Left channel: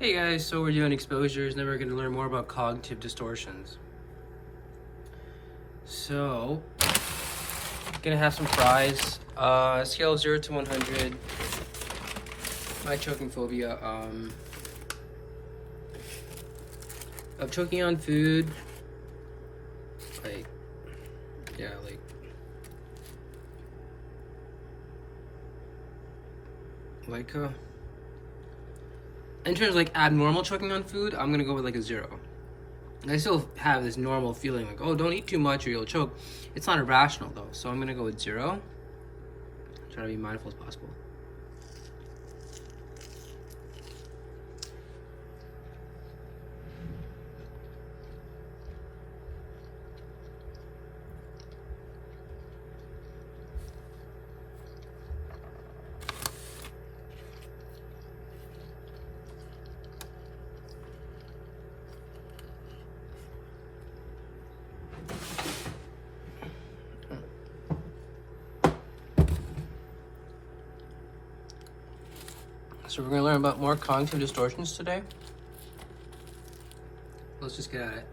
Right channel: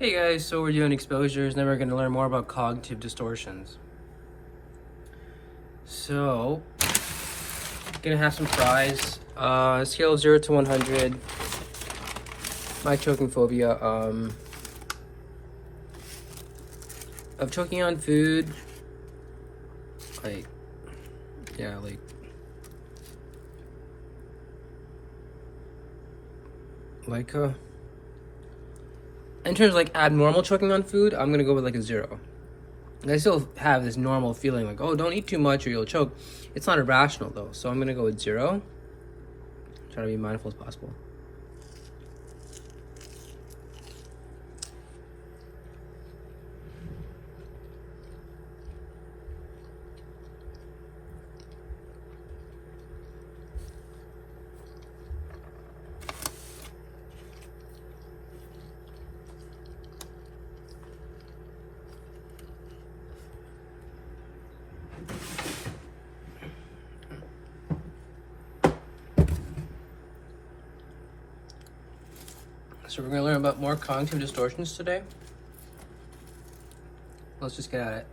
Hey guys, so we're doing exposures, and then we're going to learn more about cognitive distortions. So, gonna have some fries. Scale 0 to 100. My choking phobia. Of choking on food. Like, yeah, in terms of like abnormal choking on food, I'm gonna go with like a 0. I still have this normal feeling like, oh, don't eat too much or you'll choke. It's not irrational though, so I'm gonna go with 0. Try to be mindful as possible. So we're going to learn about more cognitive distortions today. Let's just get at it.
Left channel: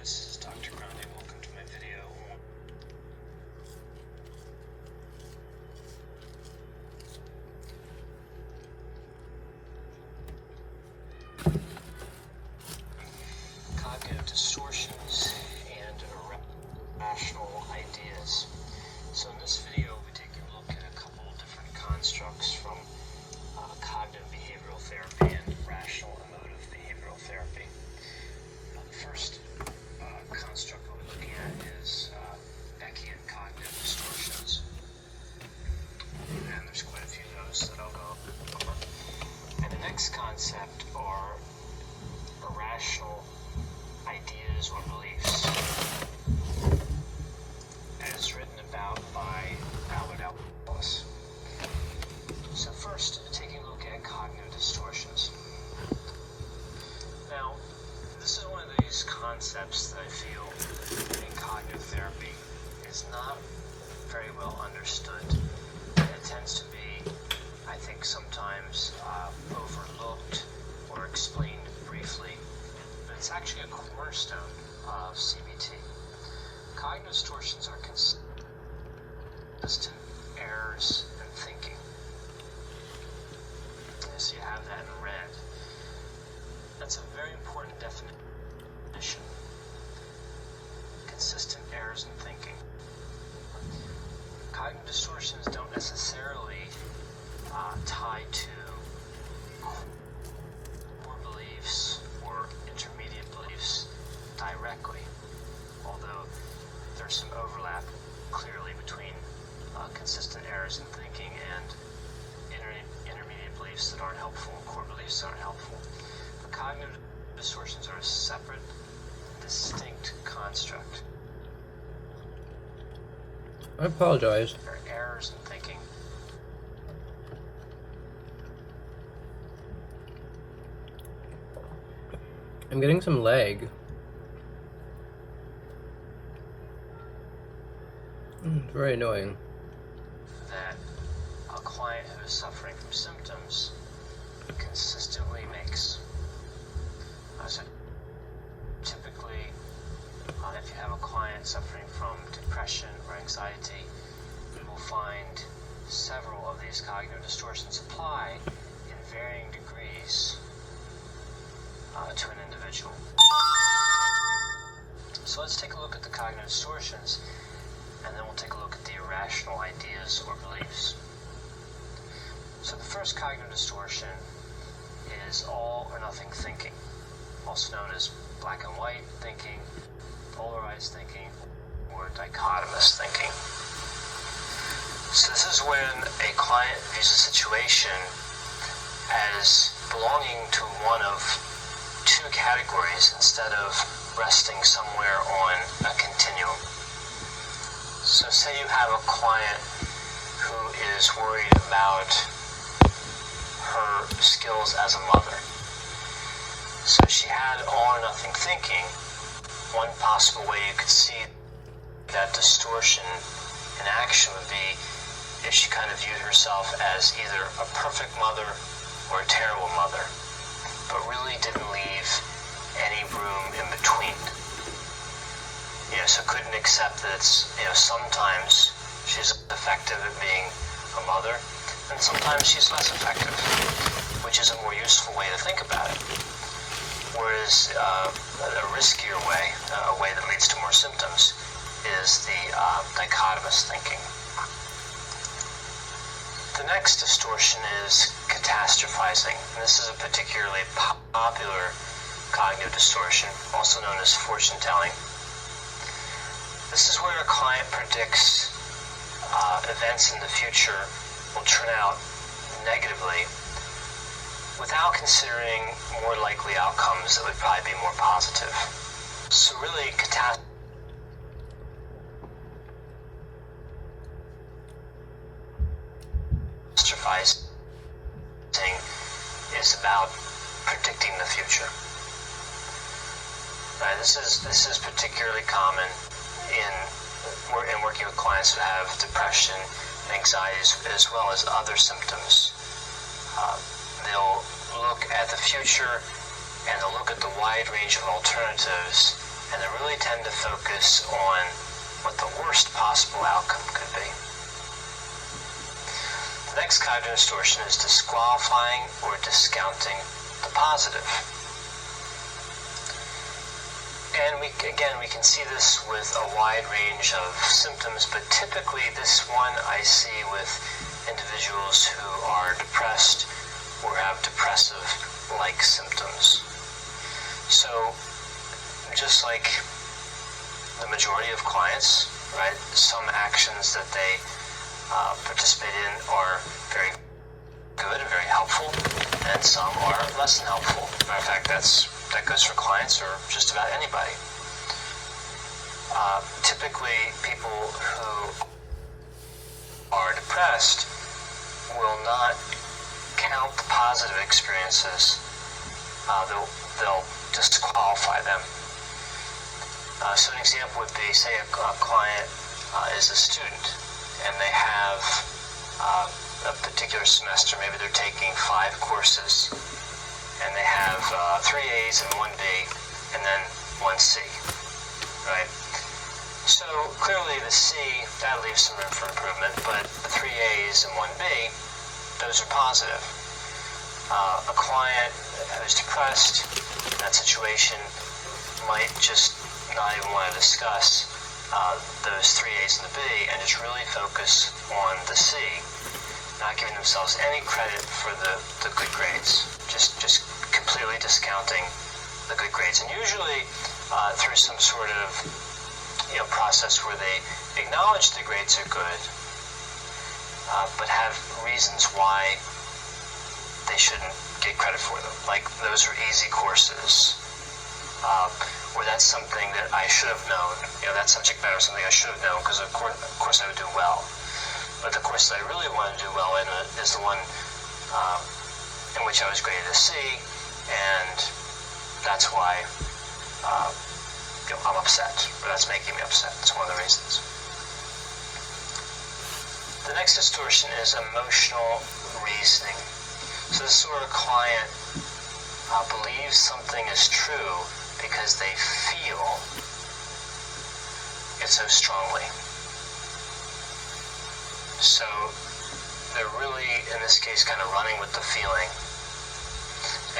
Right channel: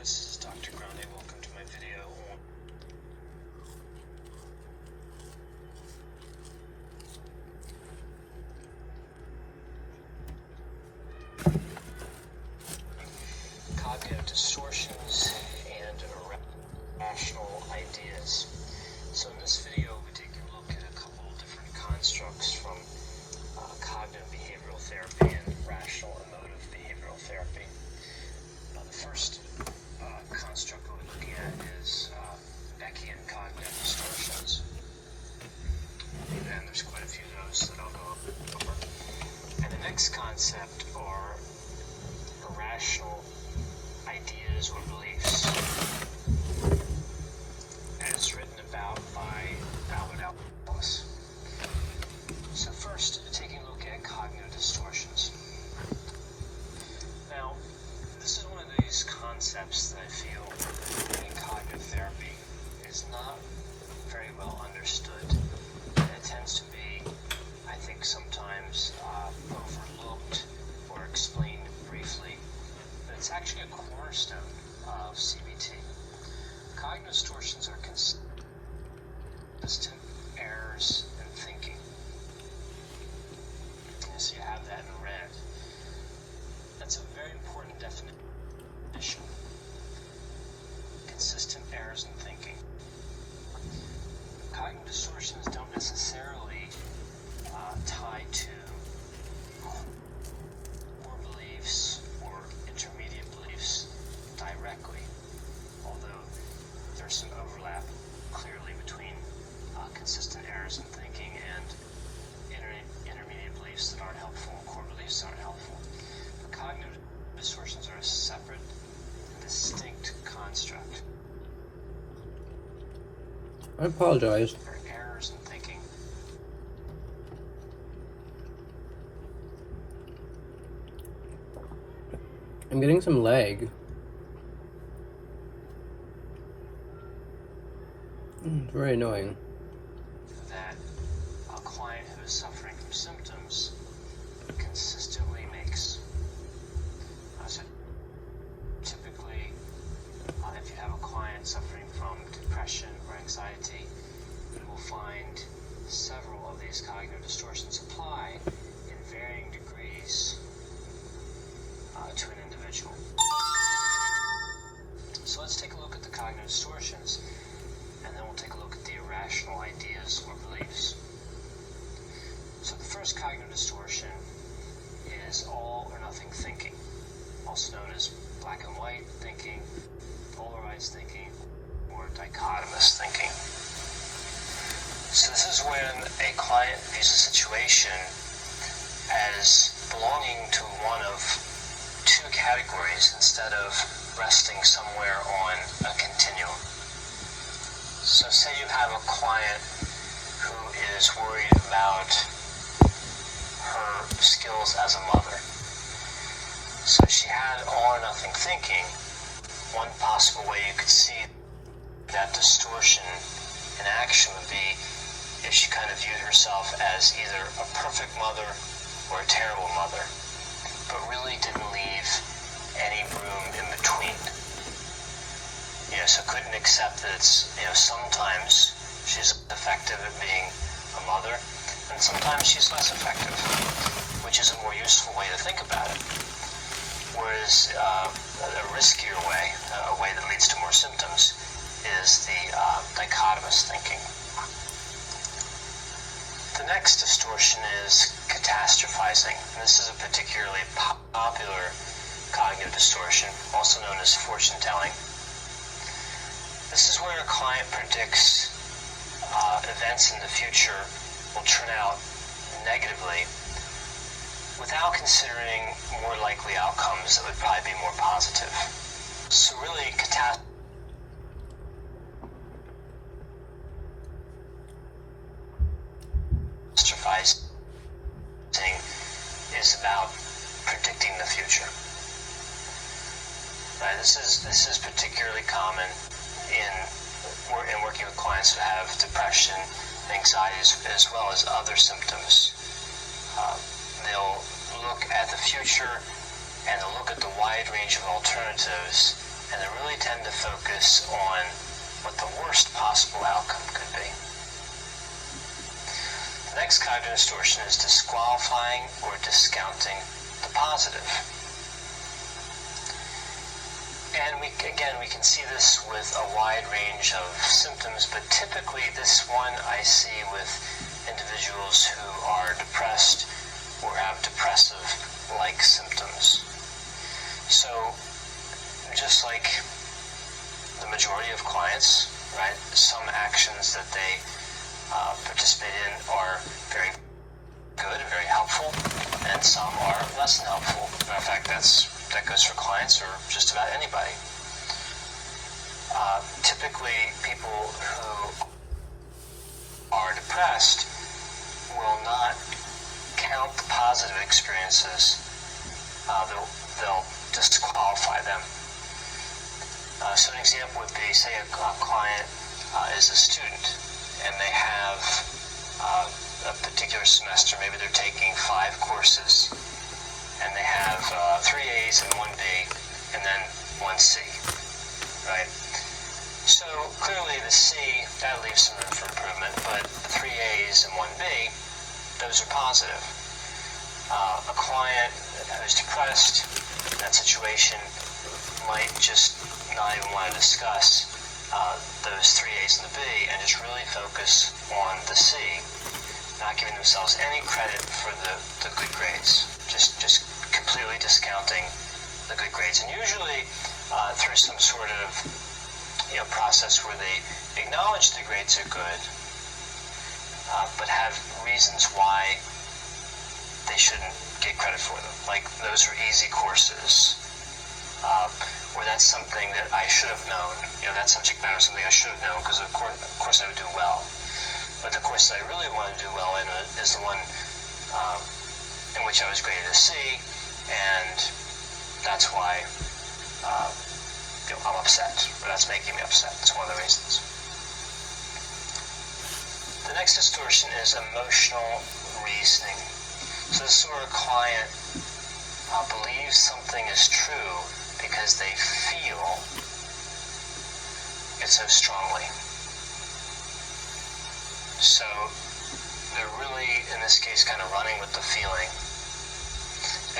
This is Dr. Grande. Welcome to my video on cognitive distortions and irrational ideas. So in this video, we take a look at a couple of different constructs from cognitive behavioral therapy and rational emotive behavioral therapy. The first construct we're looking at is Beckian cognitive distortions. And there's quite a few of those that I'll go over. And the next concept are irrational ideas or beliefs. And it's written about by Ellis. So first, taking a look at cognitive distortions. Now, this is one of these concepts that I feel in cognitive therapy is not very well understood. And it tends to be, I think, sometimes overlooked or explained briefly. But it's actually a cornerstone of CBT. Cognitive distortions are consistent errors in thinking. And so you have that in red. That's a very important definition. Consistent errors in thinking. Cognitive distortions don't necessarily tie to core beliefs or intermediate beliefs directly, although there's some overlap clearly between consistent errors in thinking and intermediate beliefs that aren't helpful, core beliefs that aren't helpful. But cognitive distortions are a separate, distinct construct. I apologize. There are errors in thinking. I'm getting some lag. It's very annoying. That a client who is suffering from symptoms consistently makes. So typically, if you have a client suffering from depression or anxiety, you will find several of these cognitive distortions apply in varying degrees to an individual. So let's take a look at the cognitive distortions, and then we'll take a look at the irrational ideas or beliefs. So the first cognitive distortion is all or nothing thinking, also known as black and white thinking, polarized thinking, dichotomous thinking. So this is when a client views a situation as belonging to one of two categories instead of resting somewhere on a continuum. So say you have a client who is worried about her skills as a mother. So she had all or nothing thinking. One possible way you could see that distortion in action would be if she kind of viewed herself as either a perfect mother or a terrible mother, but really didn't leave any room in between. So couldn't accept that sometimes she's effective at being a mother, and sometimes she's less effective, which is a more useful way to think about it. Whereas a riskier way, a way that leads to more symptoms, is the dichotomous thinking. The next distortion is catastrophizing. And this is a particularly popular cognitive distortion, also known as fortune telling. This is where a client predicts events in the future will turn out negatively without considering more likely outcomes that would probably be more positive. So really, catastrophizing is about predicting the future. Right? This is particularly common in working with clients who have depression, anxieties, as well as other symptoms. They'll look at the future and they'll look at the wide range of alternatives, and they really tend to focus on what the worst possible outcome could be. The next cognitive distortion is disqualifying or discounting the positive. And we can see this with a wide range of symptoms, but typically this one I see with individuals who are depressed or have depressive-like symptoms. So, just like the majority of clients, right, some actions that they participate in are very good and very helpful, and some are less than helpful. Matter of fact, that goes for clients or just about anybody. Typically, people who are depressed will not count the positive experiences. They'll disqualify them. So an example would be, say a client is a student and they have a particular semester, maybe they're taking 5 courses, and they have 3 A's and 1 B, and then 1 C, right? So clearly the C, that leaves some room for improvement, but the 3 A's and 1 B, those are positive. A client who's depressed in that situation might just not even want to discuss those 3 A's and the B, and just really focus on the C, not giving themselves any credit for the good grades, just completely discounting the good grades. And usually through some sort of process where they acknowledge the grades are good, but have reasons why they shouldn't get credit for them. Like, those are easy courses, or that's something that I should have known. That subject matter is something I should have known, because of course I would do well. But the course that I really want to do well in is the one in which I was graded a C, and that's why I'm upset, or that's making me upset. It's one of the reasons. The next distortion is emotional reasoning. So this sort of client believes something is true because they feel it so strongly. So they're really, in this case, kind of running with the feeling.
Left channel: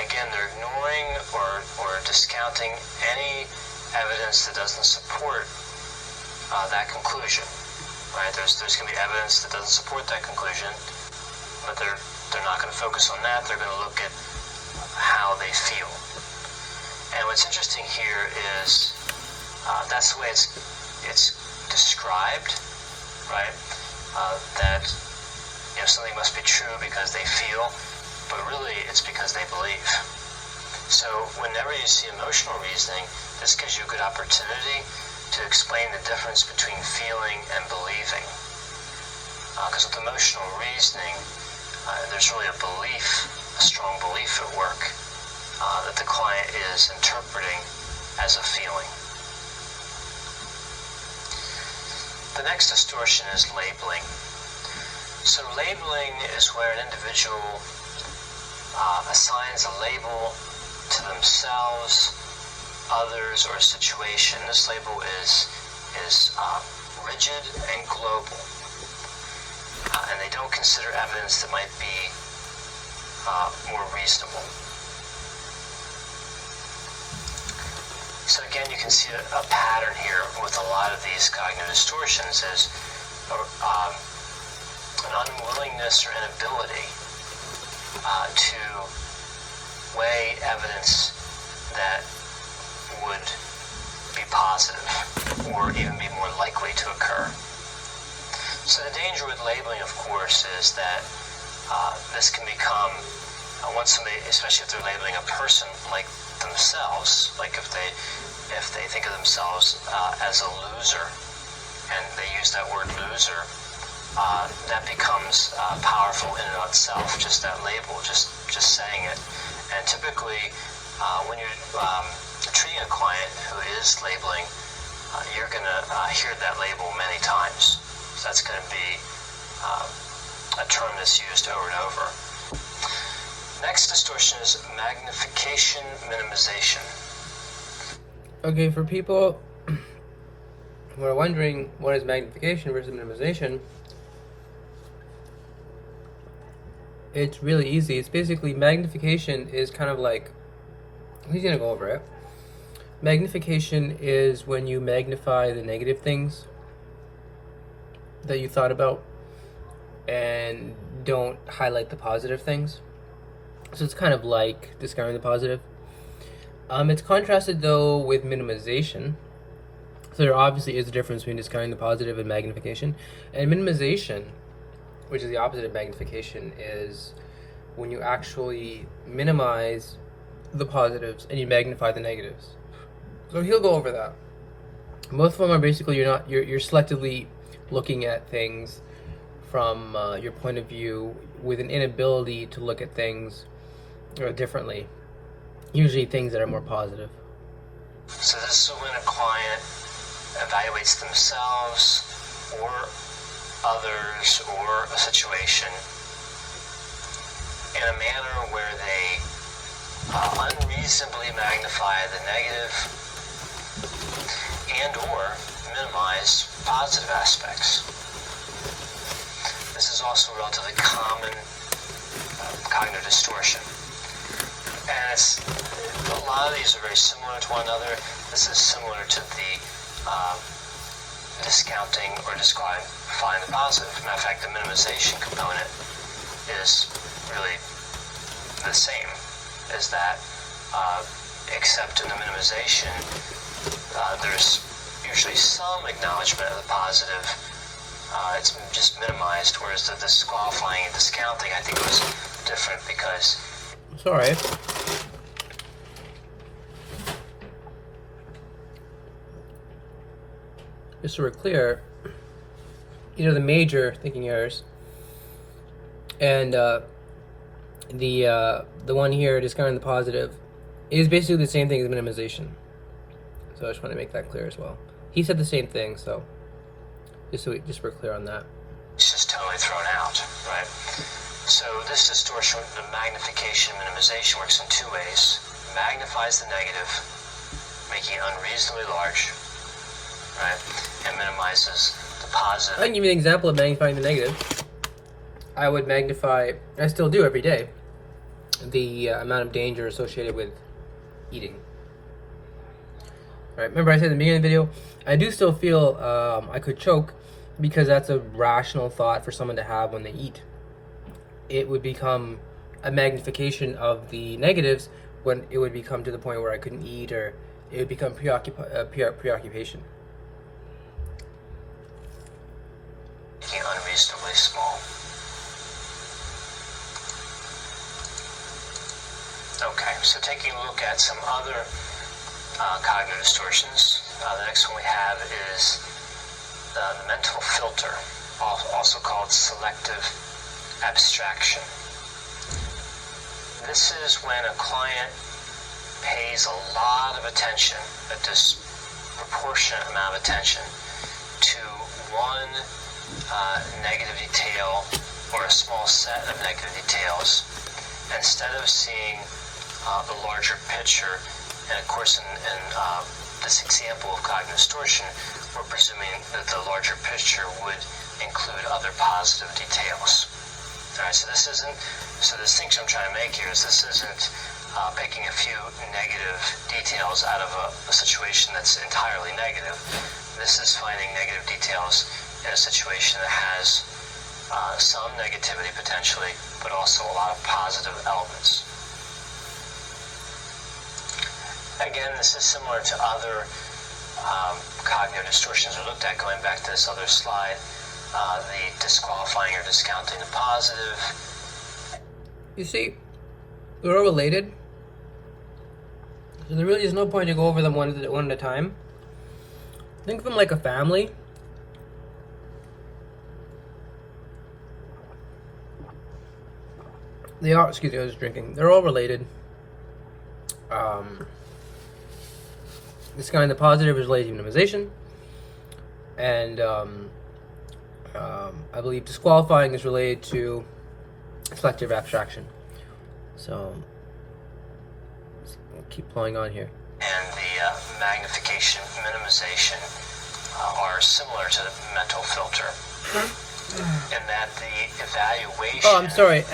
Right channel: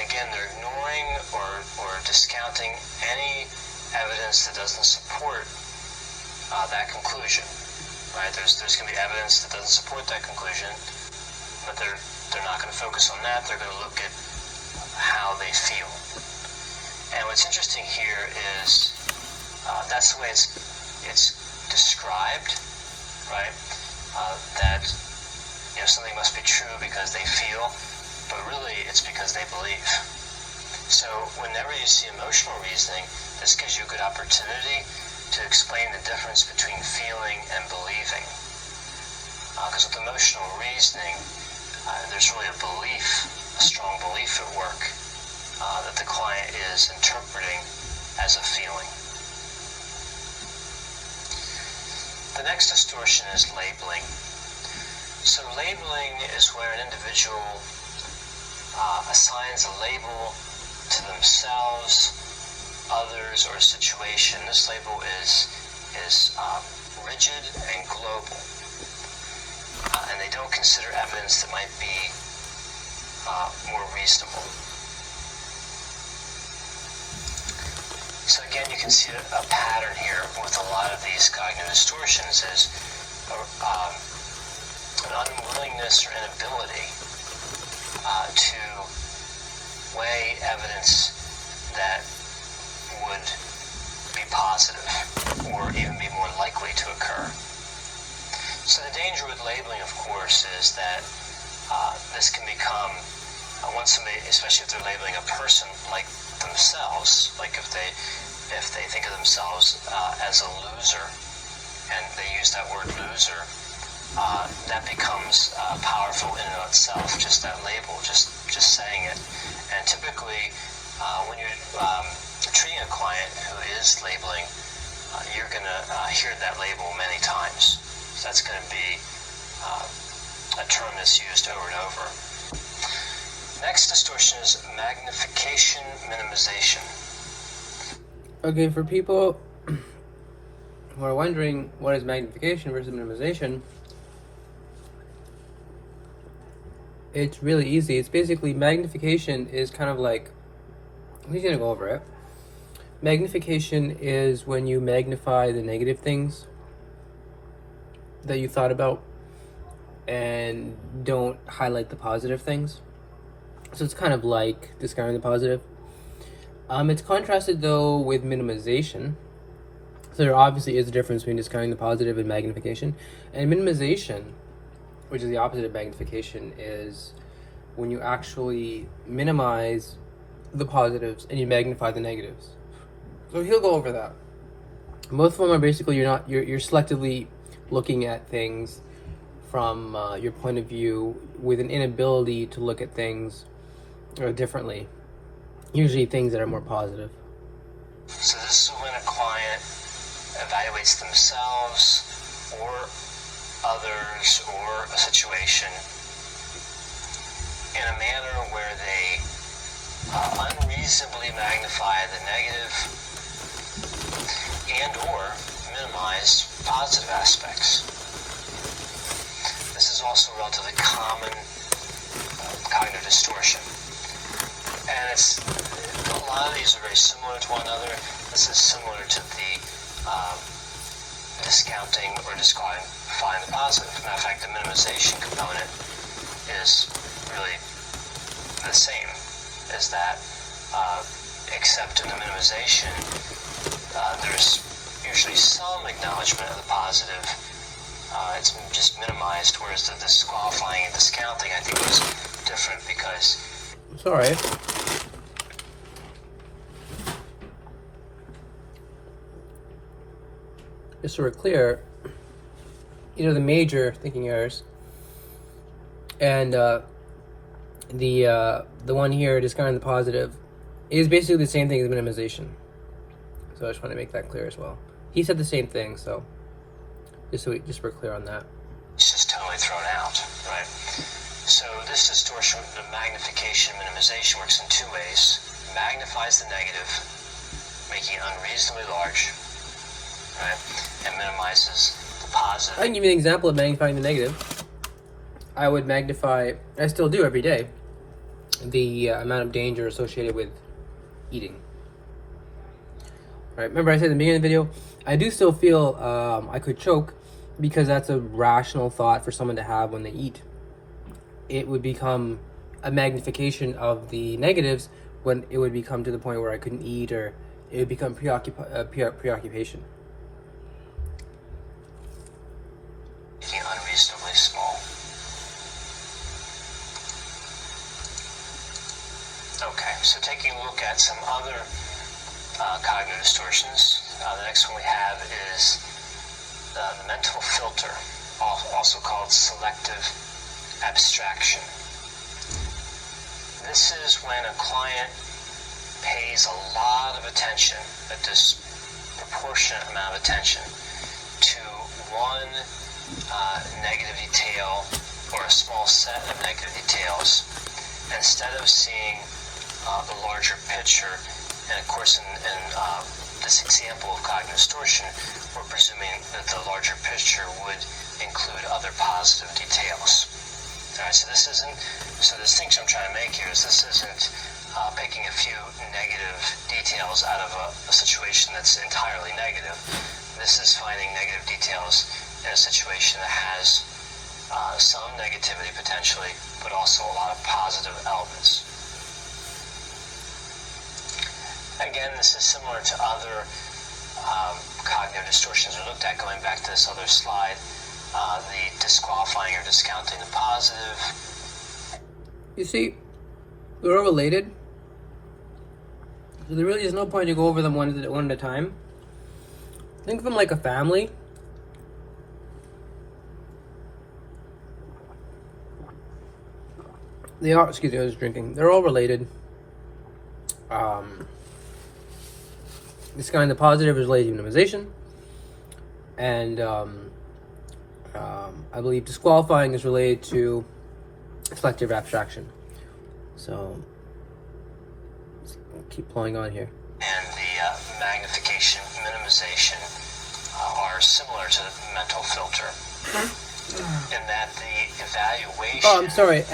Again, they're ignoring or discounting any evidence that doesn't support that conclusion. Right? There's going to be evidence that doesn't support that conclusion, but they're not going to focus on that. They're going to look at how they feel. And what's interesting here is that's the way it's described, right? That something must be true because they feel, but really it's because they believe. So whenever you see emotional reasoning, this gives you a good opportunity to explain the difference between feeling and believing. Because with emotional reasoning, there's really a belief, a strong belief at work that the client is interpreting as a feeling. The next distortion is labeling. So labeling is where an individual assigns a label to themselves, others, or a situation. This label is rigid and global, and they don't consider evidence that might be more reasonable. So again, you can see a pattern here with a lot of these cognitive distortions is an unwillingness or inability to weigh evidence that would be positive or even be more likely to occur. So the danger with labeling, of course, is that this can become, once somebody, especially if they're labeling a person like themselves, like if they think of themselves as a loser, and they use that word loser, that becomes powerful in and of itself, just that label, just saying it. And typically, when you're treating a client who is labeling, you're going to hear that label many times. So that's going to be a term that's used over and over. Next distortion is magnification minimization. Okay, for people who are wondering what is magnification versus minimization, it's really easy. It's basically, magnification is kind of like, he's going to go over it. Magnification is when you magnify the negative things that you thought about and don't highlight the positive things. So it's kind of like discounting the positive. It's contrasted though with minimization. So there obviously is a difference between discounting the positive and magnification. And minimization, which is the opposite of magnification, is when you actually minimize the positives and you magnify the negatives. So he'll go over that. Both of them are basically you're selectively looking at things from your point of view with an inability to look at things differently. Usually things that are more positive. So this is when a client evaluates themselves or others or a situation in a manner where they unreasonably magnify the negative and or minimize positive aspects. This is also a relatively common cognitive distortion. And a lot of these are very similar to one another. This is similar to the discounting or disqualifying the positive. Matter of fact, the minimization component is really the same as that, except in the minimization, there's usually some acknowledgement of the positive. It's just minimized, whereas the disqualifying and discounting, I think, was different because... Sorry. Just so we're clear, the major thinking errors and the one here, discounting the positive, is basically the same thing as minimization. So I just want to make that clear as well. He said the same thing, so just we're clear on that. It's just totally thrown out, right? So this distortion, the magnification minimization, works in two ways. It magnifies the negative, making it unreasonably large, right? And minimizes the positive. I can give you an example of magnifying the negative. I would magnify, I still do every day, the amount of danger associated with eating. Right, remember I said at the beginning of the video, I do still feel I could choke because that's a rational thought for someone to have when they eat. It would become a magnification of the negatives when it would become to the point where I couldn't eat, or it would become preoccupation. really small. Okay, so taking a look at some other cognitive distortions, the next one we have is the mental filter, also called selective abstraction. This is when a client pays a lot of attention, a disproportionate amount of attention, to one negative detail or a small set of negative details, instead of seeing the larger picture. And of course, in this example of cognitive distortion, we're presuming that the larger picture would include other positive details. All right, so the distinction I'm trying to make here is this isn't picking a few negative details out of a situation that's entirely negative. This is finding negative details in a situation that has some negativity potentially, but also a lot of positive elements. Again, this is similar to other cognitive distortions we looked at, going back to this other slide, the disqualifying or discounting the positive. You see, they're all related. So there really is no point to go over them one at a time. Think of them like a family. They are, excuse me, I was drinking. They're all related. This kind of positive is related to minimization. And I believe disqualifying is related to selective abstraction. So I'll keep playing on here. And the magnification, minimization are similar to the mental filter, in that the evaluation. Oh, I'm sorry.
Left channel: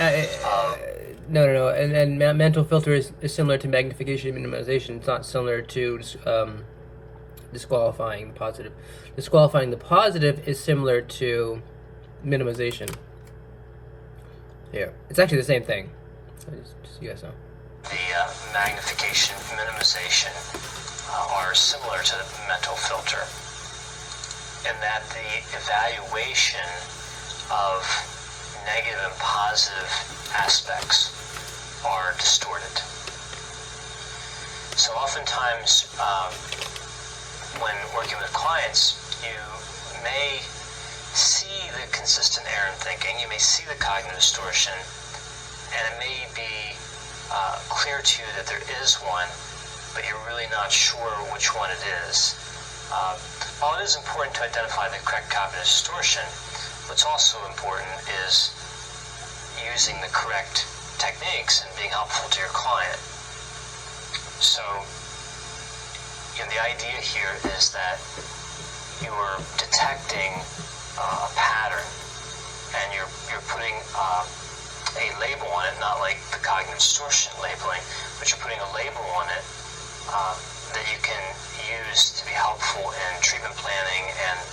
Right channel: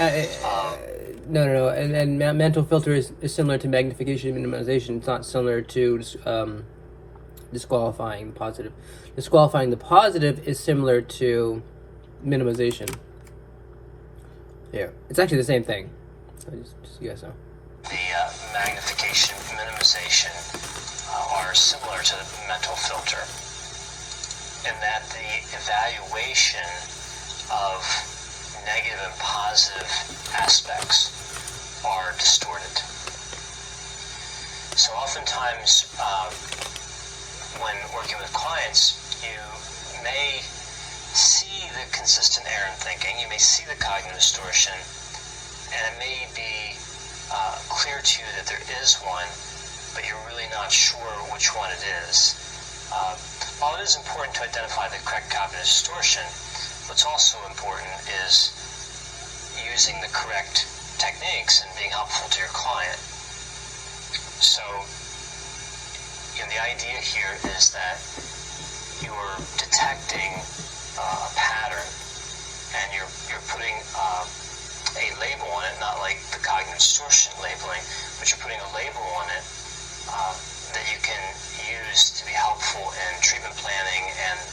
No. And mental filter is similar to magnification and minimization. It's not similar to disqualifying the positive. Disqualifying the positive is similar to minimization. Yeah, it's actually the same thing. Just so you guys know. The magnification, minimization are similar to the mental filter, in that the evaluation of negative and positive aspects are distorted. So oftentimes, when working with clients, you may see the consistent error in thinking, you may see the cognitive distortion, and it may be clear to you that there is one, but you're really not sure which one it is. While it is important to identify the correct cognitive distortion, what's also important is using the correct techniques and being helpful to your client. So, the idea here is that you're detecting a pattern, and you're putting a label on it, not like the cognitive distortion labeling, but you're putting a label on it that you can use to be helpful in treatment planning and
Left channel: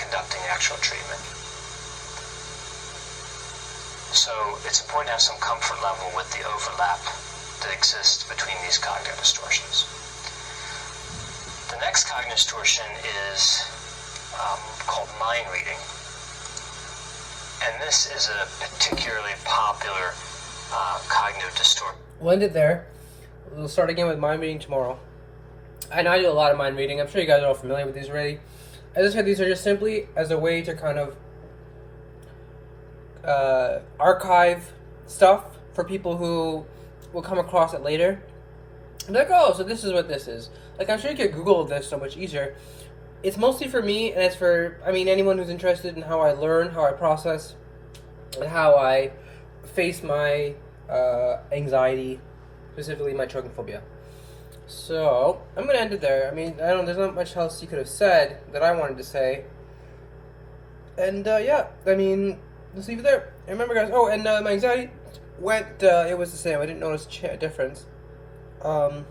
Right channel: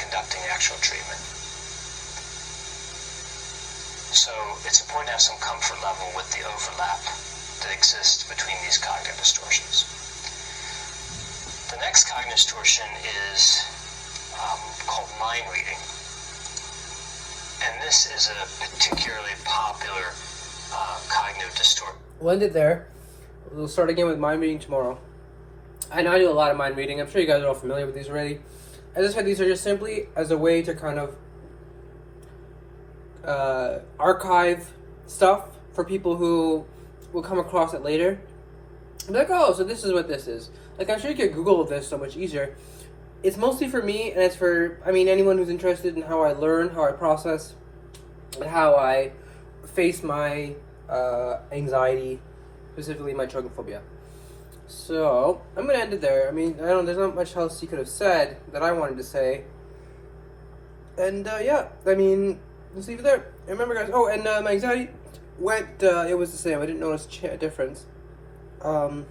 conducting actual treatment. So it's important to have some comfort level with the overlap that exists between these cognitive distortions. The next cognitive distortion is called mind reading. And this is a particularly popular cognitive distortion. We'll end it there. We'll start again with mind reading tomorrow. I know I do a lot of mind reading. I'm sure you guys are all familiar with these already. As I said, these are just simply as a way to kind of archive stuff for people who will come across it later. I'm like, oh, so this is what this is. Like, I'm sure you could Google this so much easier. It's mostly for me, and it's for, anyone who's interested in how I learn, how I process, and how I face my anxiety, specifically my choking phobia. So, I'm going to end it there. There's not much else you could have said that I wanted to say. And, let's leave it there. And remember, guys, my anxiety went, it was the same. I didn't notice a difference. I'll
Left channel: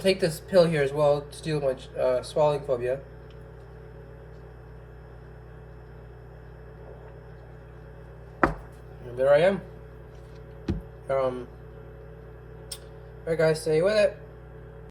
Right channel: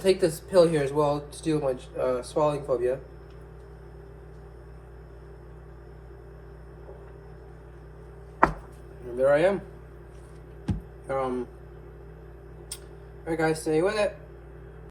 take this pill here as well to deal with my swallowing phobia. And there I am. Alright, guys, stay with it.